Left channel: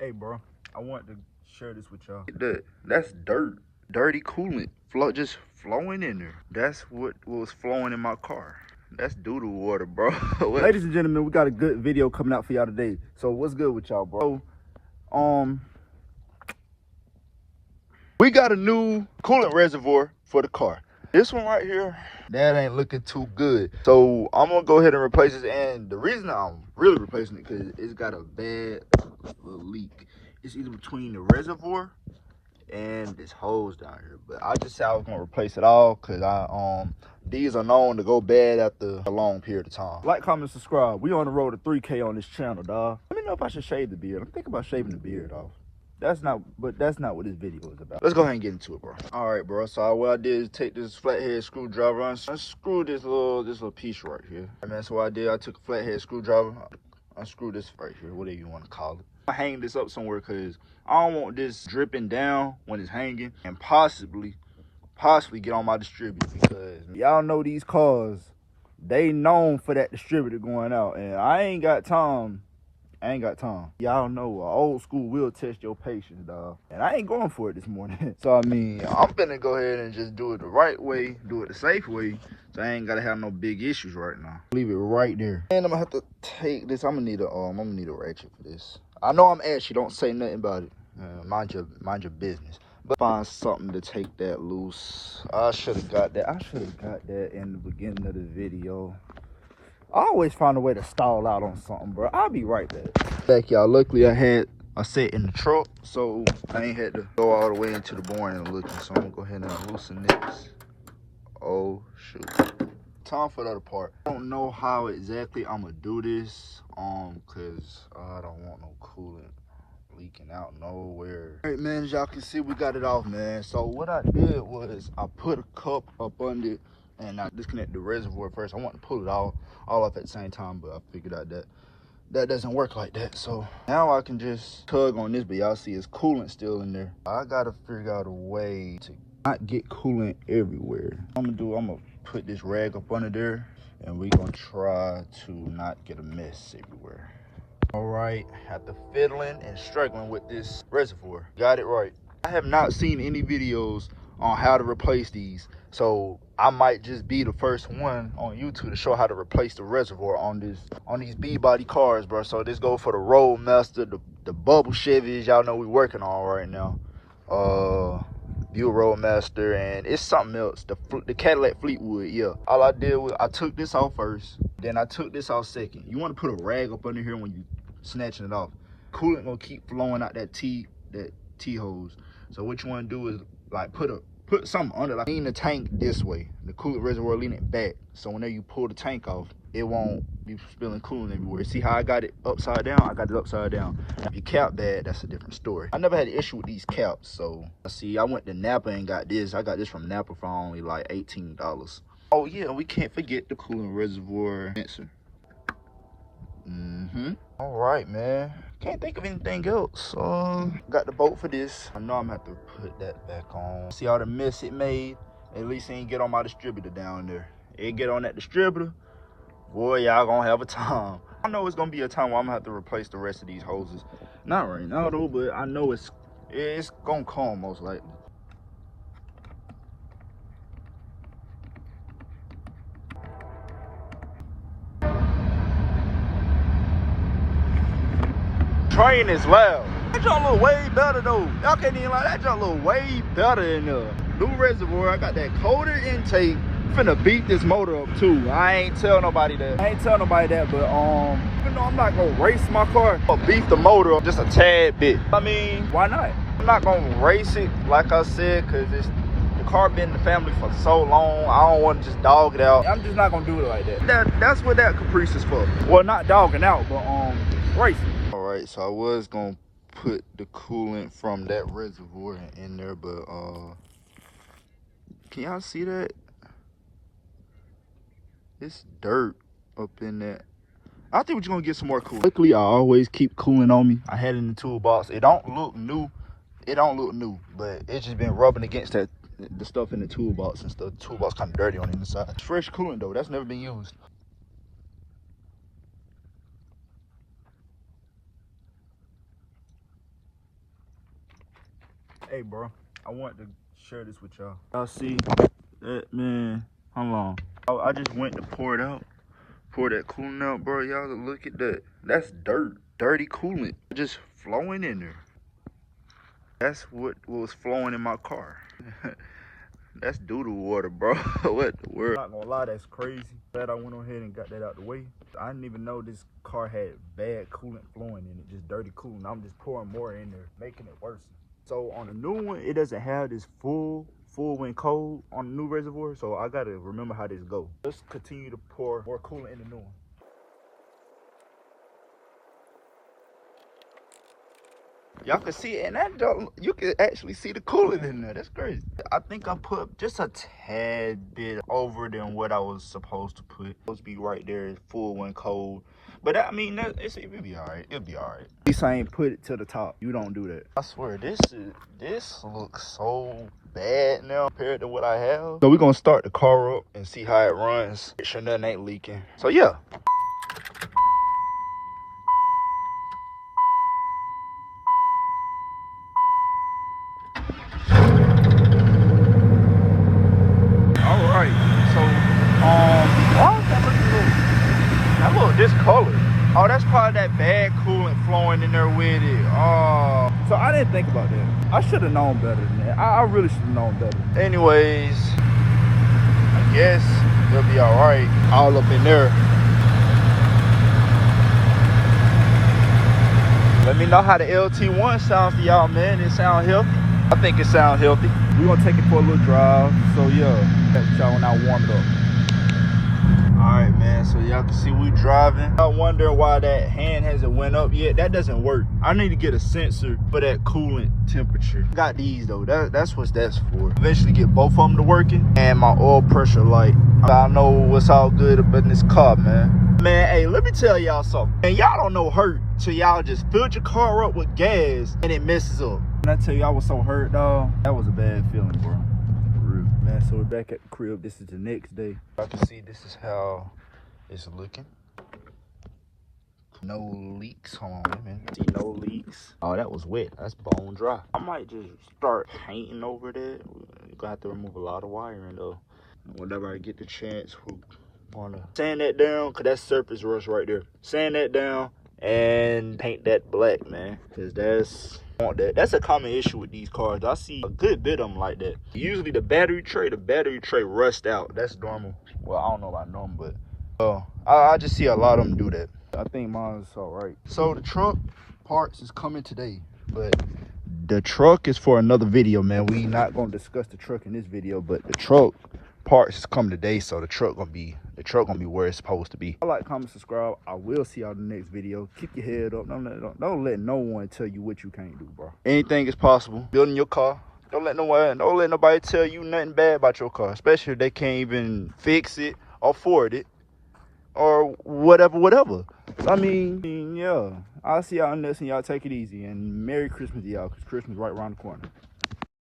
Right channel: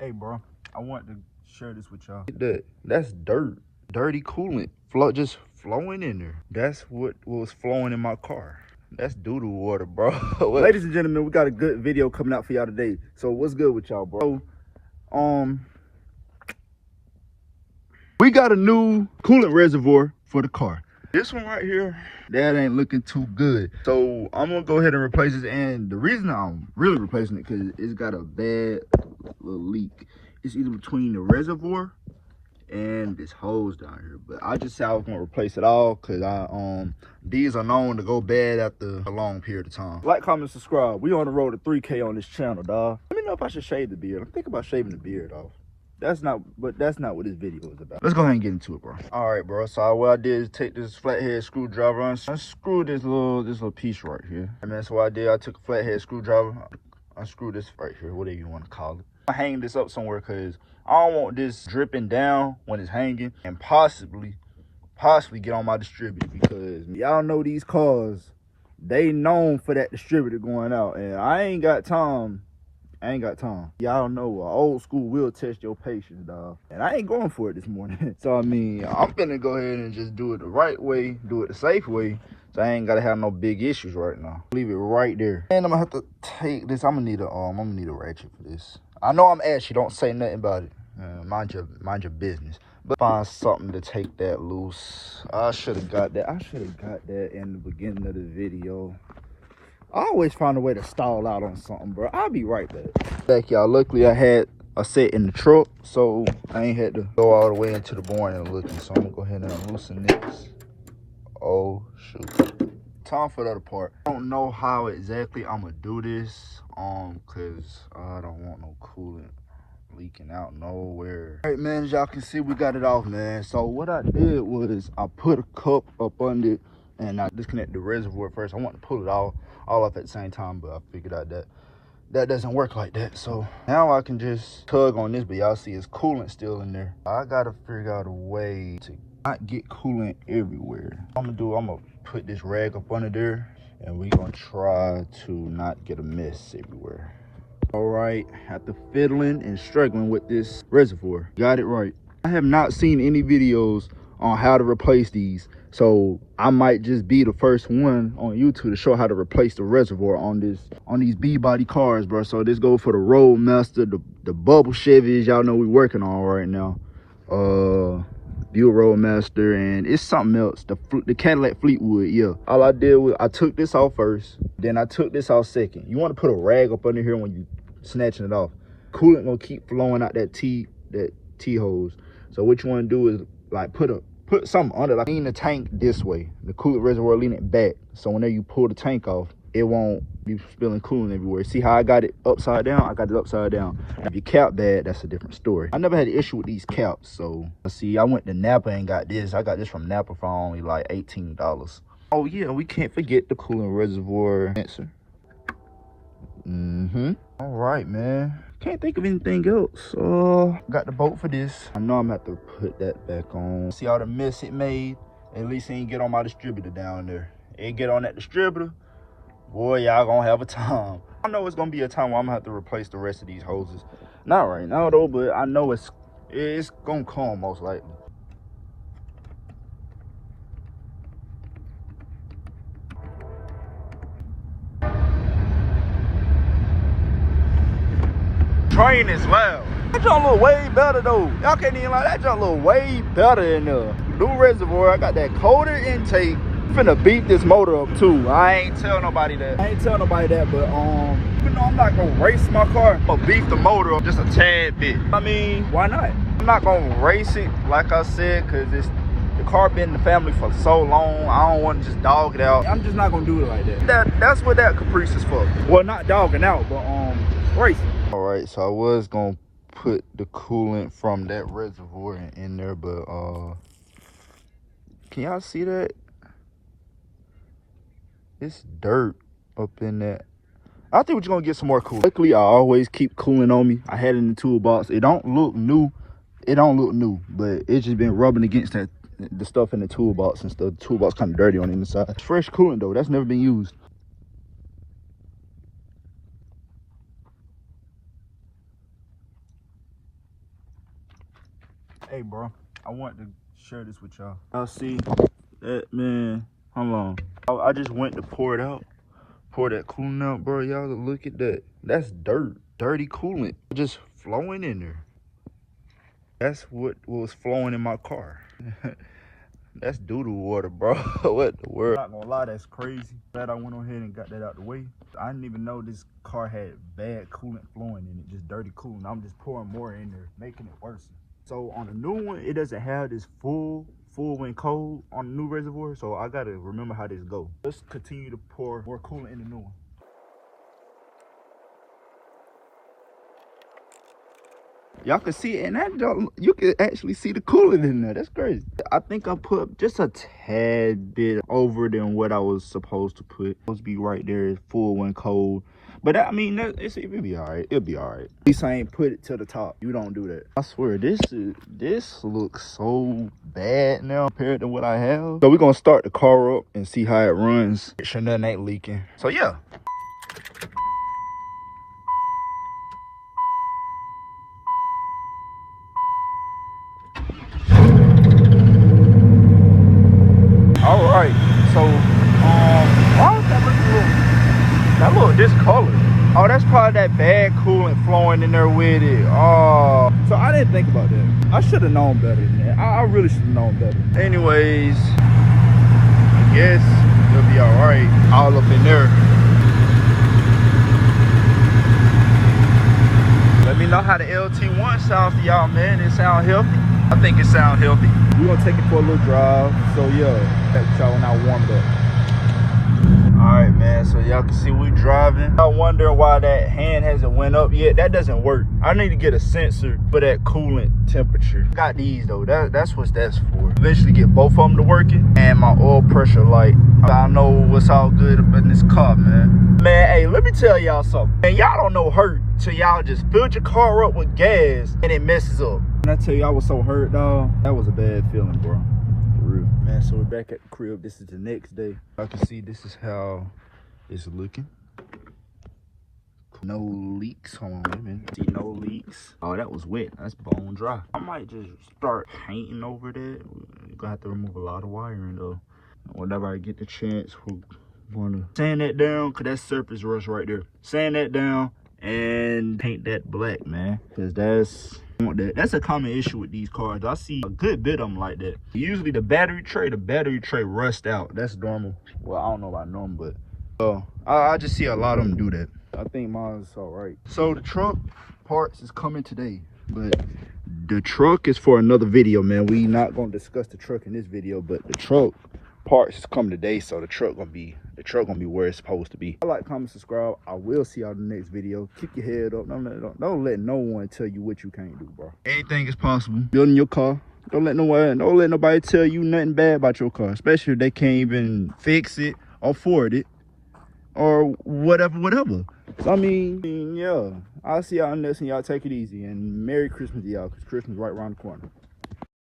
Hey, bro, I want to share this with y'all. That's dirt. Dirty coolant. Just flowing in there. That's what was flowing in my car. That's doo-doo water, bro. Ladies and gentlemen, we got a good video coming out for y'all today. So what's good with y'all, bro? We got a new coolant reservoir for the car. This one right here, that ain't looking too good. So I'm gonna go ahead and replace this. And the reason I'm really replacing it, because it's got a bad little leak. It's either between the reservoir and this hose down here. But I just said I was gonna replace it all, because these are known to go bad after a long period of time. Like, comment, subscribe. We on the road to 3K on this channel, dog. Let me know if I should shave the beard. I'm thinking about shaving the beard off. That's not what this video is about. Let's go ahead and get into it, bro. All right, bro. So what I did is take this flathead screwdriver and unscrew this little piece right here. And that's what I did. I took a flathead screwdriver, unscrew this right here, whatever you want to call it. I hang this up somewhere because I don't want this dripping down when it's hanging and possibly get on my distributor, because y'all know these cars, they known for that distributor going out, and I ain't got time. Y'all know old school will test your patience, dog. And I ain't going for it this morning. So, I mean, I'm finna go ahead and just do it the right way, do it the safe way. So I ain't gotta have no big issues right now. Leave it right there. And I'm gonna have to take this. I'm gonna need a ratchet for this. I know I'm ashy, don't say nothing about it. Mind your business. But find something to take that loose. I should have got that. In the beginning of the video. I always find a way to stall out on something, bro. I'll be right back, y'all. Luckily, I had a set in the truck, so I ain't had to go all the way into the boring and looking. So I'm gonna go ahead and loosen this. Oh, shoot. Time for the other part. I don't know how exactly I'm gonna do this, cause I don't want no coolant leaking out nowhere. All right, man, as y'all can see, we got it off, man. So what I did was I put a cup up under it, and I disconnected the reservoir first. I want to pull it all up at the same time, but I figured out that doesn't work like that. So now I can just tug on this, but y'all see it's coolant still in there. I gotta figure out a way to not get coolant everywhere. I'm gonna put this rag up under there, and we're gonna try to not get a mess everywhere. All right, after fiddling and struggling with this reservoir, got it right. I have not seen any videos on how to replace these, so I might just be the first one on YouTube to show how to replace the reservoir on these B-body cars, bro. So this goes for the RoadMaster, the bubble Chevys y'all know we working on right now, Buick RoadMaster, and it's something else, the Cadillac Fleetwood. Yeah, all I did was I took this off first, then I took this off second. You want to put a rag up under here when you snatching it off. Coolant gonna keep flowing out that T hose. So what you want to do is like put something under, like lean the tank this way, the coolant reservoir, lean it back, so whenever you pull the tank off, it won't be spilling coolant everywhere. See how I got it upside down? I got it upside down. If your cap bad, that's a different story. I never had an issue with these caps. So see, I went to Napa and got this. I got this from Napa for only like $18. Oh yeah, we can't forget the coolant reservoir sensor. All right, man. Can't think of anything else. Got the bolt for this. I know I'm gonna have to put that back on. See all the mess it made? At least it ain't get on my distributor down there. It get on that distributor, boy, y'all gonna have a time. I know it's gonna be a time where I'm gonna have to replace the rest of these hoses. Not right now though, but I know it's gonna come most likely. Train is loud. That junk look way better though. Y'all can't even lie, that junk look way better in the new reservoir. I got that colder intake. I'm finna beat this motor up too. I ain't tell nobody that, but even though I'm not gonna race my car, I'm gonna beat the motor up just a tad bit. I mean, why not? I'm not gonna race it, like I said, cause the car been in the family for so long. I don't want to just dog it out. I'm just not gonna do it like that. That's what that Caprice is for. Well, not dogging out, but racing. All right, so I was gonna put the coolant from that reservoir in there, but can y'all see that? It's dirt up in that. I think we're gonna get some more coolant. Luckily, I always keep coolant on me. I had it in the toolbox. It don't look new, but it's just been rubbing against the stuff in the toolbox and stuff. The toolbox kind of dirty on the inside. Fresh coolant though, that's never been used. Hey, bro, I want to share this with y'all. Y'all see that, man? How long? I just went to pour it out. Pour that coolant out, bro. Y'all look at that. That's dirt. Dirty coolant. Just flowing in there. That's what was flowing in my car. That's doo-doo water, bro. What the world? Not gonna lie, that's crazy. Glad I went on ahead and got that out the way. I didn't even know this car had bad coolant flowing in it, just dirty coolant. I'm just pouring more in there, making it worse. So on the new one, it doesn't have this full when cold on the new Reservoir, so I gotta remember how this go. Let's continue to pour more coolant in the new one. Y'all can see it, and you can actually see the coolant in there. That's crazy. I think I put just a tad bit over than what I was supposed to put. Supposed to be right there, full when cold. But I mean, it'll be all right. It'll be all right. At least I ain't put it to the top. You don't do that. I swear, this looks so bad now compared to what I have. So we're gonna start the car up and see how it runs. Make sure nothing ain't leaking. So yeah. All right, so why is that look discolored? Oh, that's probably that bad coolant flowing in there with it. Oh, so I didn't think about that. I should have known better than that. I really should have known better. Anyways, yes, it'll be all right. All up in there. Let me know how the LT1 sounds for y'all, man. It sound healthy? I think it sounds healthy. We're gonna take it for a little drive. So yeah, that's y'all when I warm it up. Alright, man, so y'all can see we driving. Y'all wondering why that hand hasn't went up yet. That doesn't work. I need to get a sensor for that coolant temperature. Got these though. That's what that's for. Eventually get both of them to working. And my oil pressure light. I know what's all good about this car, man. Man, hey, let me tell y'all something. And y'all don't know hurt till y'all just filled your car up with gas and it messes up. And I tell you, I was so hurt, dog. That was a bad feeling, bro. For real. Man, so we're back at the crib. This is the next day. I can see this is how it's looking. No leaks. Hold on, man. See, no leaks. Oh, that was wet. That's bone dry. I might just start painting over there. We're gonna have to remove a lot of wiring, though. Whenever I get the chance, we're gonna sand that down, because that's surface rust right there. Sand that down and paint that black, man. Because that's a common issue with these cars. I see a good bit of them like that. Usually the battery tray rust out. That's normal. Well, I don't know about normal, but I just see a lot of them do that. I think mine's all right. So the truck parts is coming today, but the truck is for another video, man. We not gonna discuss the truck in this video, but the truck parts is coming today, so the truck gonna be where it's supposed to be. Like, comment, subscribe. I will see y'all in the next video. Keep your head up. Don't let no one tell you what you can't do, bro. Anything is possible. Building your car. Don't let nobody tell you nothing bad about your car, especially if they can't even fix it or afford it or whatever. So, I mean, yeah. I'll see y'all in this, and y'all take it easy. And Merry Christmas to y'all, because Christmas right around the corner.